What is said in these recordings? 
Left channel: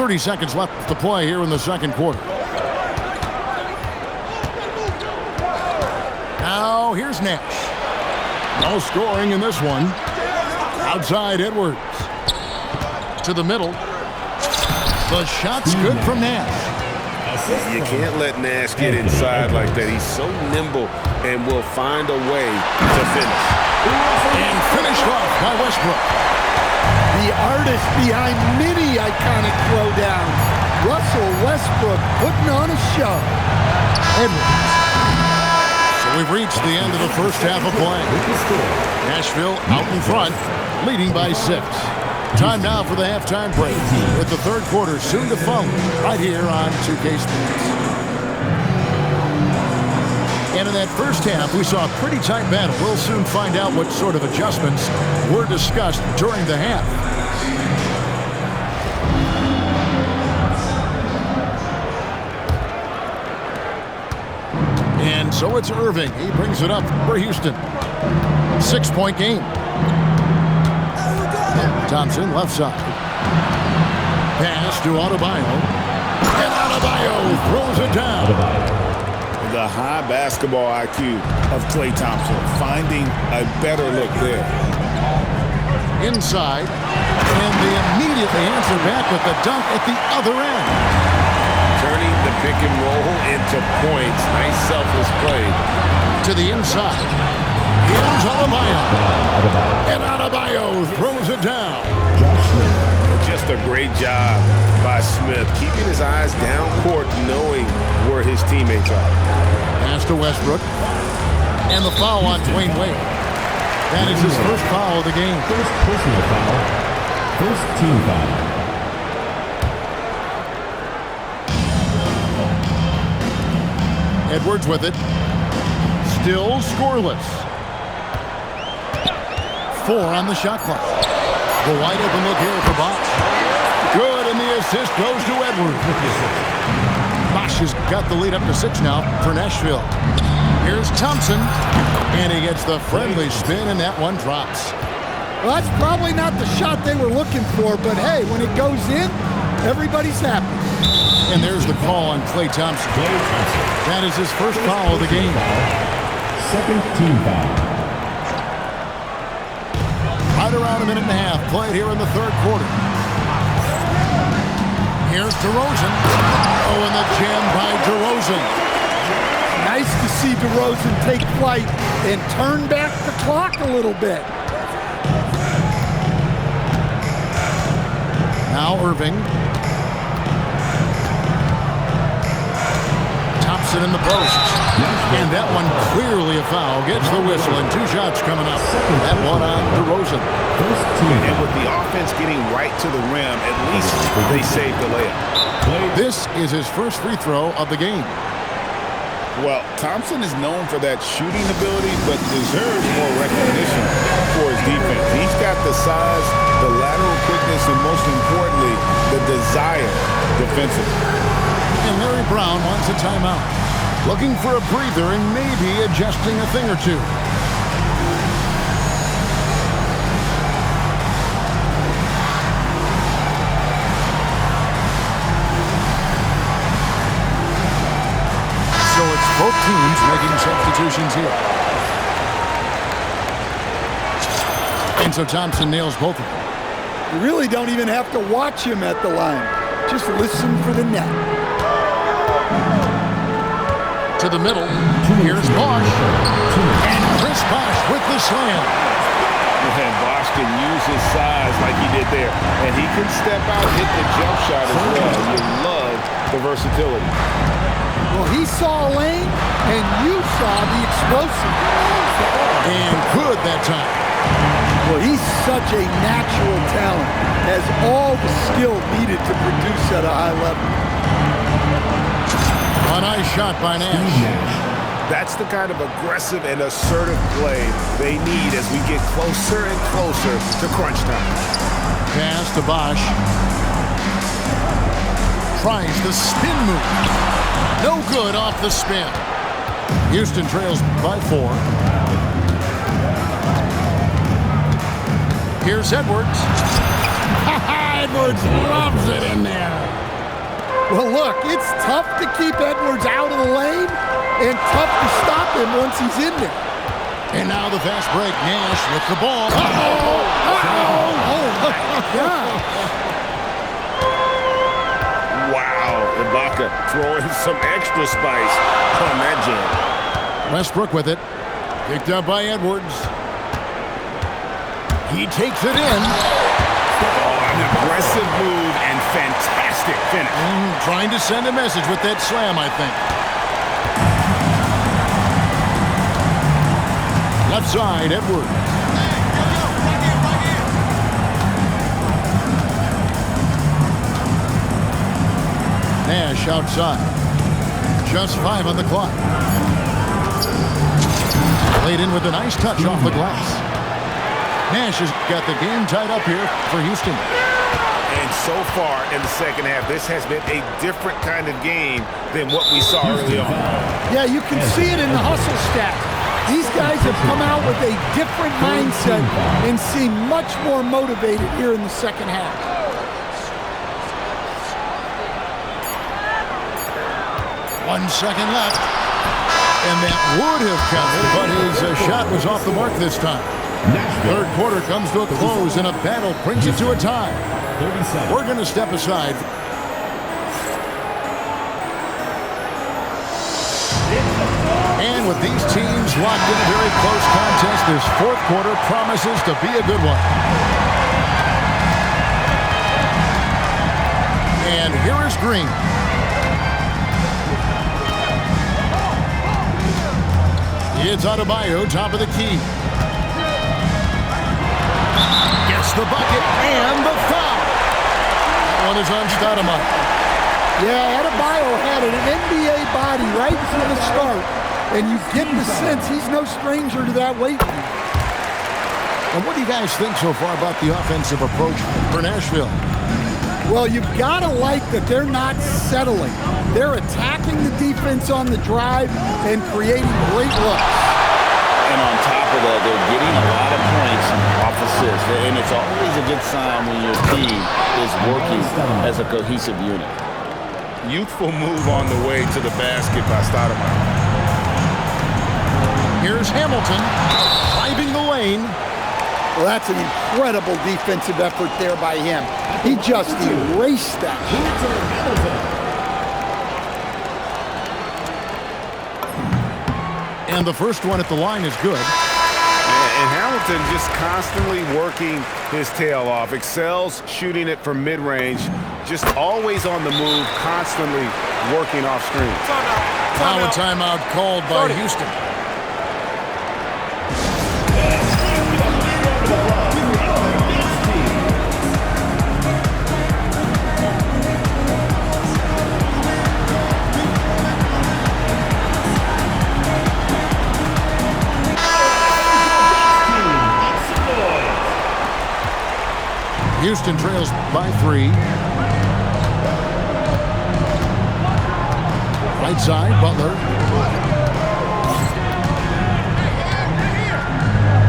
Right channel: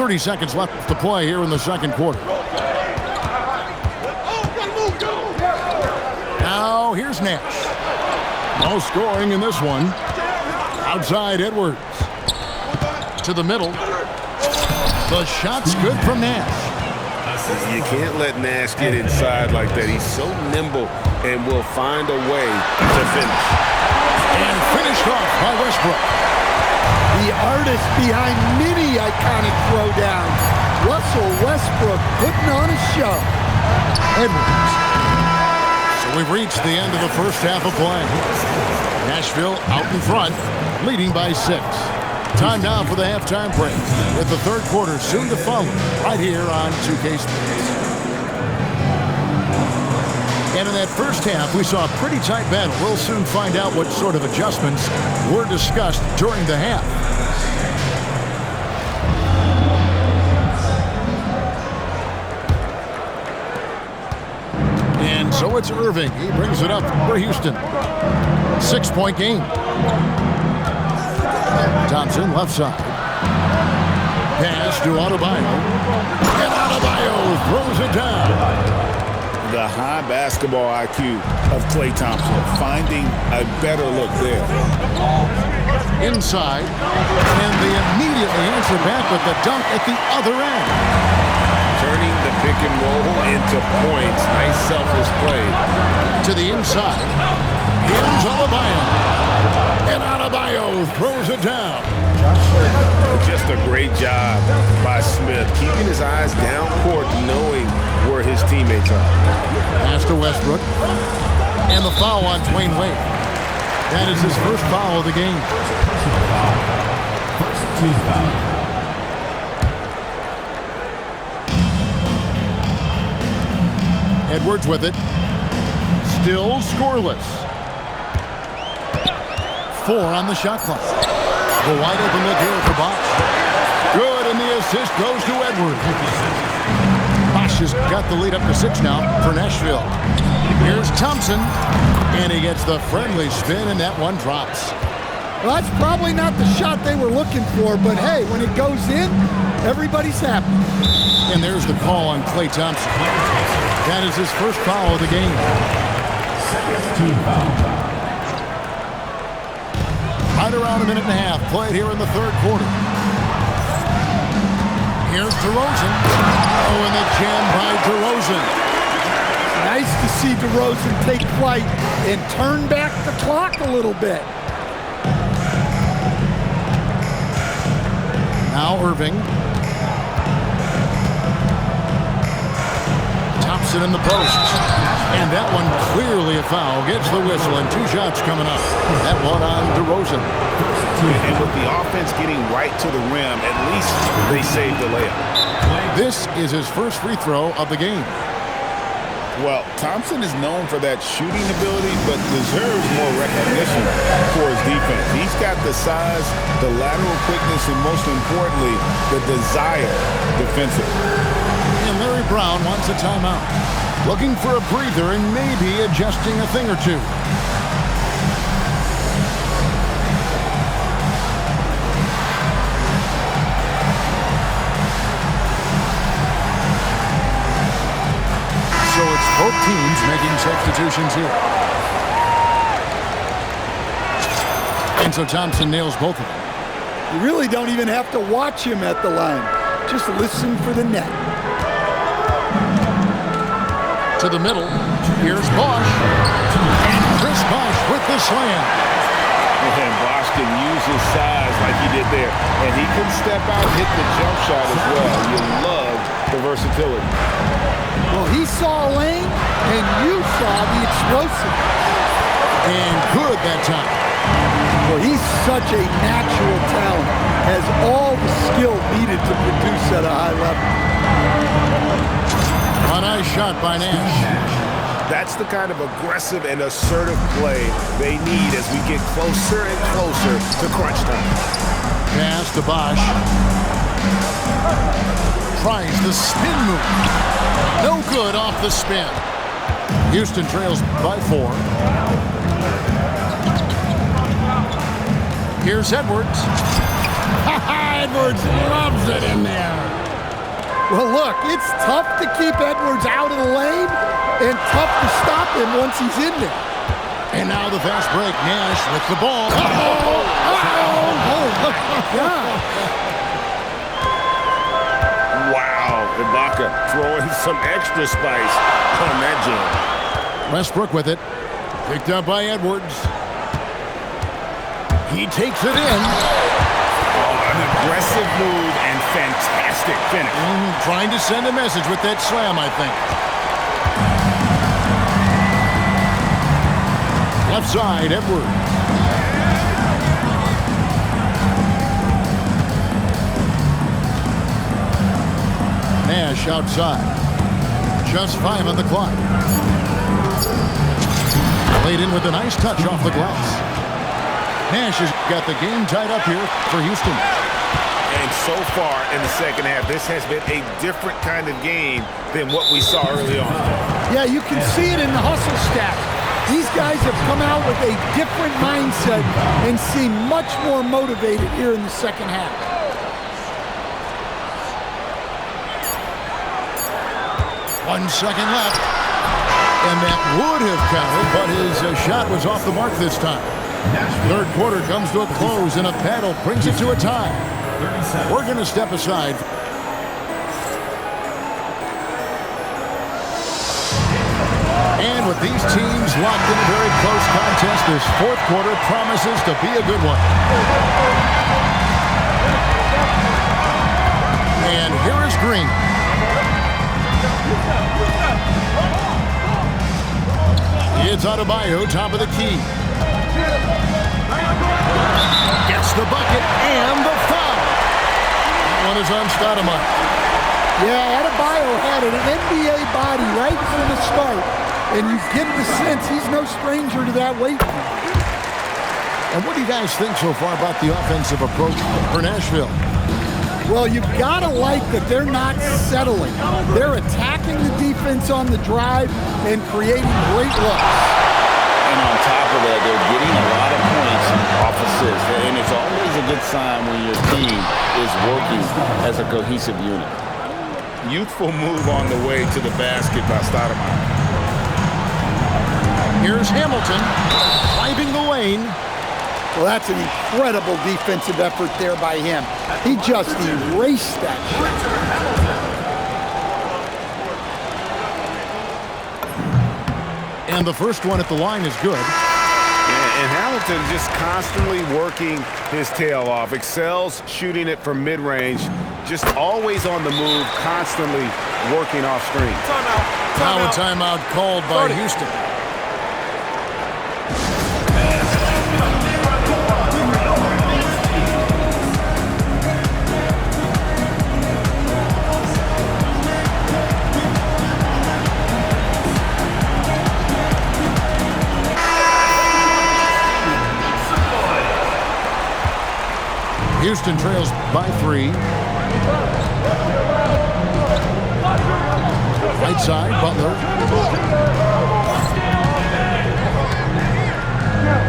30 seconds left to play here in the second quarter. Now here's Nash. No scoring in this one. Outside Edwards. To the middle. The shot's good from Nash. You can't let Nash get inside like that. He's so nimble and will find a way to finish. And finished off by Westbrook. The artist behind many iconic throwdowns. Russell Westbrook putting on a show. Edwards. So we've reached the end of the first half of play. Nashville out in front, leading by 6. Time now for the halftime break, with the third quarter soon to follow, right here on 2K Sports. And in that first half, we saw a pretty tight battle. We'll soon find out what sort of adjustments were discussed during the half. And so it's Irving. He brings it up for Houston. 6-point game. Thompson, left side. Pass to Adebayo. And Adebayo throws it down. The high basketball IQ of Klay Thompson, finding a better look there. Inside. And they immediately answer back with the dunk at the other end. Turning the pick and roll into points. Nice selfless play. To the inside. Here's Adebayo. And Adebayo throws it down. Just a great job by Smith, keeping his eyes down court, knowing where his teammates are. Pass to Westbrook. And the foul on Dwayne Wade. That is his first foul of the game. First personal foul. First team foul. Edwards with it. Still scoreless. 4 on the shot clock. The wide open look here for Bosh. Good, and the assist goes to Edwards. Bosh has got the lead up to 6 now for Nashville. Here's Thompson, and he gets the friendly spin, and that one drops. Well, that's probably not the shot they were looking for, but hey, when it goes in, everybody's happy. And there's the call on Klay Thompson. That is his first foul of the game. Second team foul. Right around a minute and a half played here in the third quarter. Here's DeRozan. Oh, and the jam by DeRozan. Nice to see DeRozan take flight and turn back the clock a little bit. Now Irving. Thompson in the post. And that one clearly a foul. Gets the whistle, and 2 shots coming up. That one on DeRozan. And with the offense getting right to the rim, at least they saved the layup. This is his first free throw of the game. Well, Thompson is known for that shooting ability, but deserves more recognition for his defense. He's got the size, the lateral quickness, and most importantly, the desire defensively. And Larry Brown wants a timeout. Looking for a breather and maybe adjusting a thing or two. So it's both teams making substitutions here. And so Thompson nails both of them. You really don't even have to watch him at the line. Just listen for the net. To the middle. Here's Bosh. And Chris Bosh with the slam. And Bosh can use his size like he did there. And he can step out and hit the jump shot as well. You love the versatility. Well, he saw a lane, and you saw the explosiveness. And good that time. Well, he's such a natural talent. Has all the skill needed to produce at a high level. A nice shot by Nash. That's the kind of aggressive and assertive play they need as we get closer and closer to crunch time. Pass to Bosh. Tries the spin move. No good off the spin. Houston trails by 4. Here's Edwards. Edwards loves it in there. Well, look, it's tough to keep Edwards out of the lane and tough to stop him once he's in there. And now the fast break. Nash with the ball. Oh, my God. Wow, Ibaka throwing some extra spice on that jam. Westbrook with it. Picked up by Edwards. He takes it in. Oh, an aggressive move and fantastic finish. Trying to send a message with that slam, I think. Left side, Edwards. Nash outside. Just 5 on the clock. Played in with a nice touch off the glass. Nash has got the game tied up here for Houston. And so far in the second half, this has been a different kind of game than what we saw early on. Yeah, you can see it in the hustle stats. These guys have come out with a different mindset and seem much more motivated here in the second half. One second left. And that would have counted, but his shot was off the mark this time. Third quarter comes to a close, and a battle brings it to a tie. We're going to step aside. And with these teams locked in a very close contest, this fourth quarter promises to be a good one. And here is Green. It's Adebayo, top of the key. Gets the bucket and the foul. That one is on Stoudemire. Yeah, Adebayo had an NBA body right from the start, and you get the sense he's no stranger to that weight. And what do you guys think so far about the offensive approach for Nashville? Well, you've got to like that they're not settling. They're attacking the defense on the drive and creating great looks. And on top of that, they're getting a lot of points off assists. And it's always a good sign when your team is working as a cohesive unit. Youthful move on the way to the basket by Stoudemire. Here's Hamilton driving the lane. Well, that's an incredible defensive effort there by him. He just erased that shot. And the first one at the line is good. Yeah, and Hamilton just constantly working his tail off. Excels shooting it from mid-range. Just always on the move, constantly working off screen. Timeout. Now a timeout called by Houston. Houston trails by 3. Right side, Butler.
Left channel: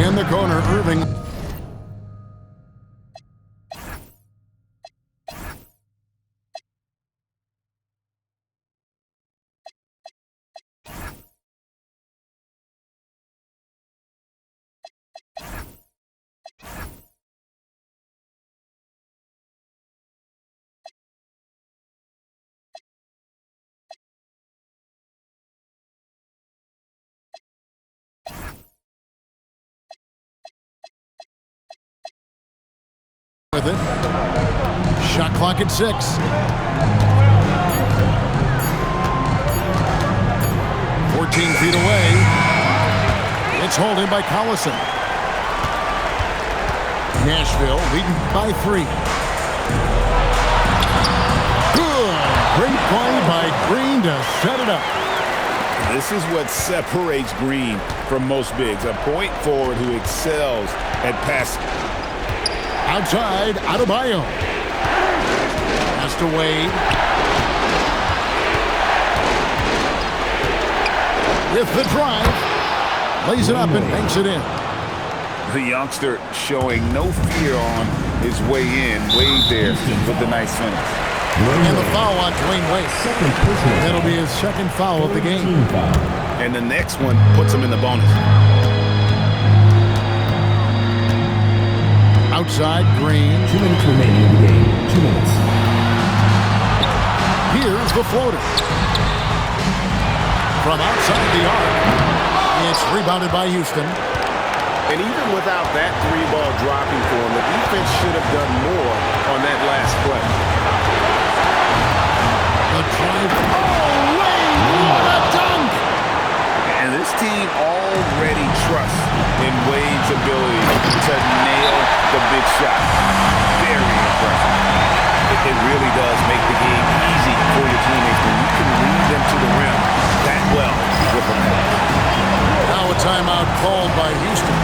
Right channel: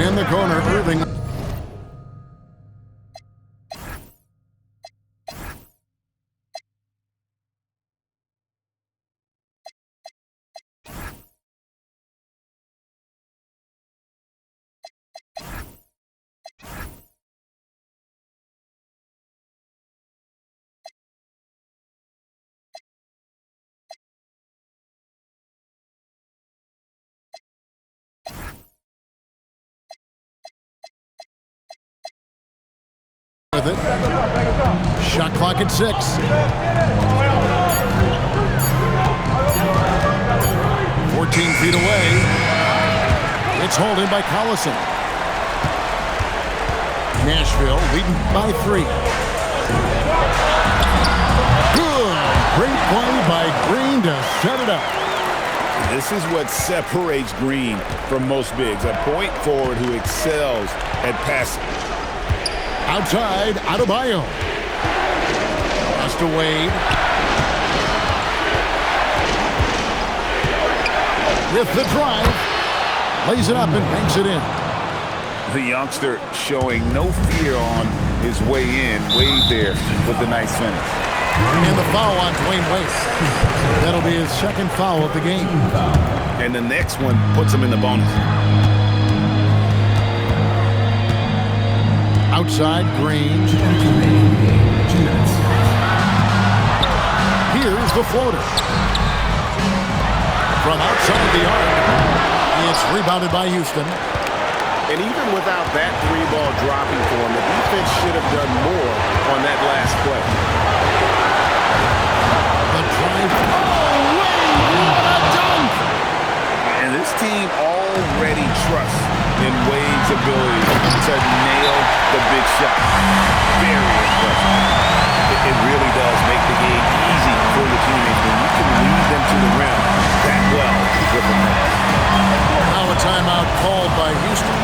In the corner, Irving. With it. Shot clock at 6. "14 feet away. It's hauled in by Collison. Nashville leading by 3. Good. Great play by Green to set it up. This is what separates Green from most bigs. A point forward who excels at passing. Outside, Adebayo. Pass to Wade. With the drive. Lays it up and banks it in. The youngster showing no fear on his way in. Wade there with the nice finish. And the foul on Dwayne Wade. That'll be his second foul of the game. And the next one puts him in the bonus. Outside, Green. 2 minutes remaining in the game. 2 minutes. Here's the floater. From outside the arc. It's rebounded by Houston. And even without that three-ball dropping for him, the defense should have done more on that last play. The drive. Oh, Wade! What a dunk! And this team already trusts in Wade's ability to nail the big shot. Very impressive. It really does make the game easy for your teammates when you can lead them to the rim that well with a pass. Now a timeout called by Houston.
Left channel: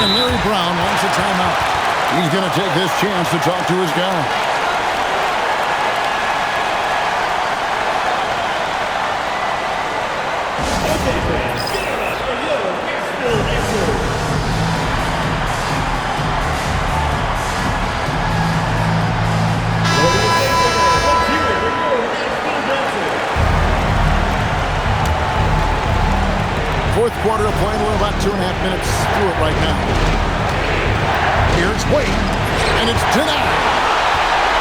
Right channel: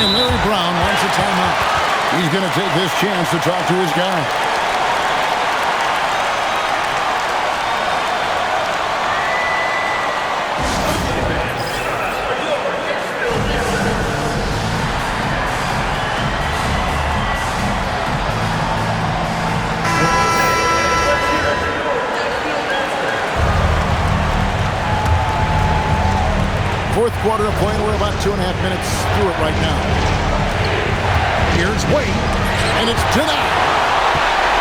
And Larry Brown wants a timeout. He's going to take this chance to talk to his guy. Fourth quarter of play, and we're about 2.5 minutes through it right now. Here's Wade, and it's denied.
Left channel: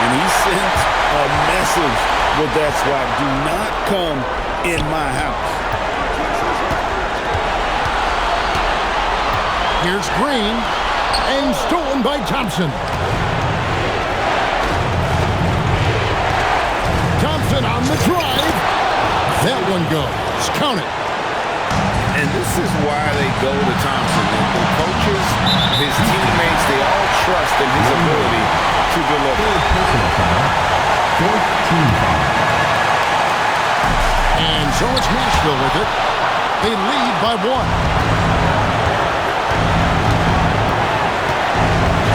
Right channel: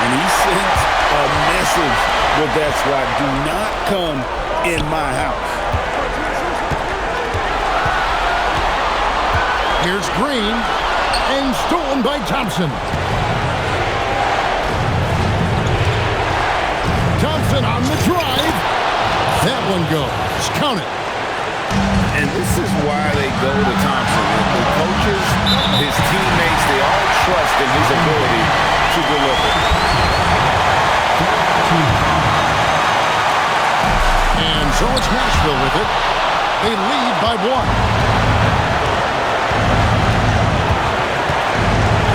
And he sends a message with that swat. Do not come in my house. Here's Green, and stolen by Thompson. Thompson on the drive. That one goes. Count it. And this is why they go to Thompson. The coaches, his teammates, they all trust in his ability to deliver. And so it's Nashville with it. They lead by 1.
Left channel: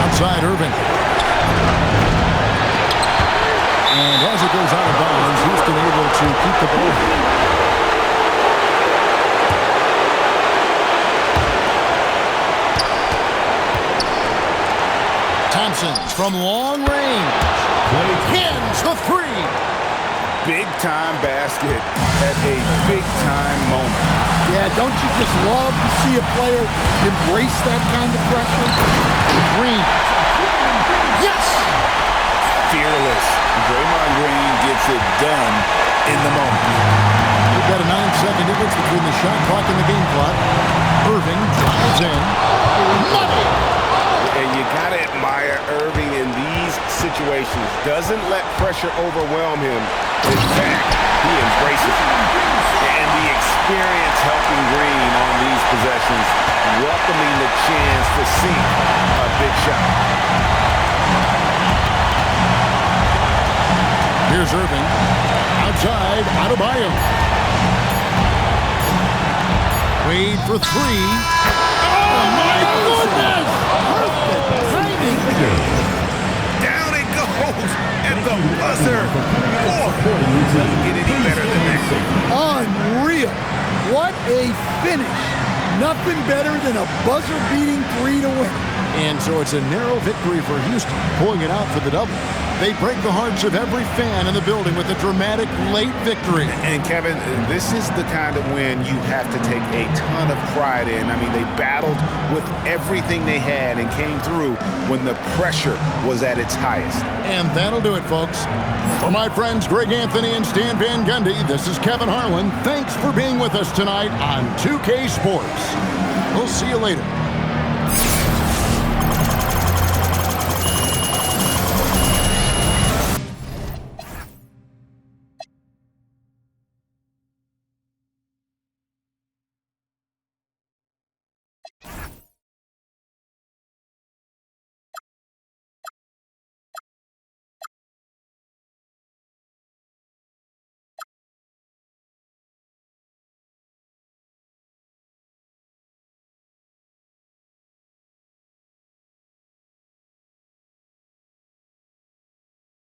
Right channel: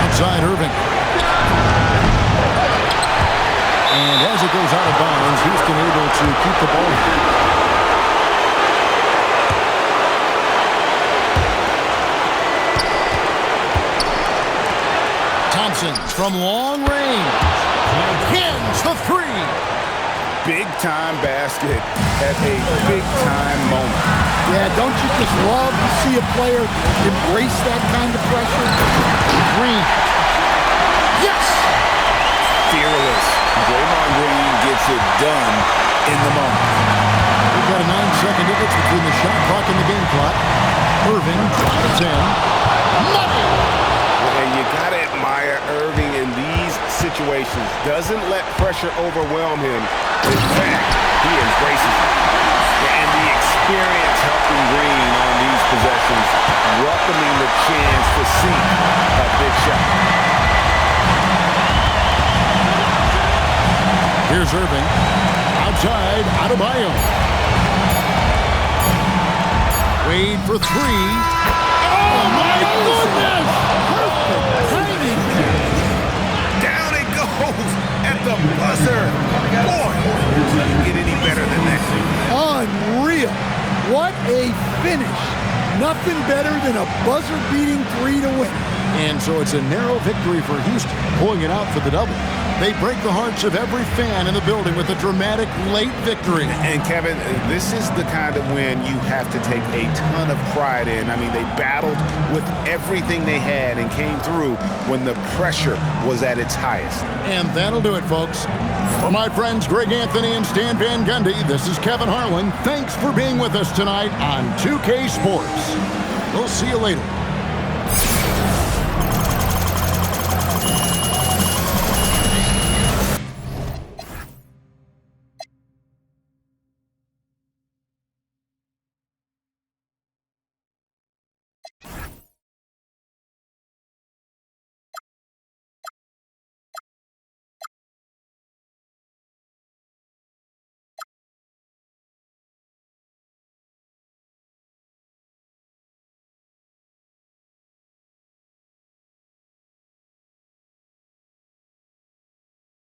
Outside Irving. And as it goes out of bounds, Houston able to keep the ball. Thompson from long range. Hins the 3. Big-time basket at a big-time moment. Yeah, don't you just love to see a player embrace that kind of pressure? Green. Yes! Fearless. Draymond Green gets it done in the moment. We've got a 9-second difference between the shot clock and the game clock. Irving drives in. Money! And you got to admire Irving in these situations. Doesn't let pressure overwhelm him. In fact, he embraces it. And the experience helping Green on these possessions, welcoming the chance to sink a big shot. Here's Irving. Outside, Adebayo. Wade for 3. Oh, my goodness! Perfect timing there. Down it goes at the buzzer. Boy, doesn't get any better than that. Unreal. What a finish. Nothing better than a buzzer-beating 3 to win. And so it's a narrow victory for Houston, pulling it out for the double. They break the hearts of every fan in the building with a dramatic late victory. And Kevin, this is the kind of win you have to take a ton of pride in. I mean, they battled with everything they had and came through when the pressure was at its highest. And that'll do it, folks. For my friends Greg Anthony and Stan Van Gundy, this is Kevin Harlan. Thanks for being with us tonight on 2K Sports. We'll see you later.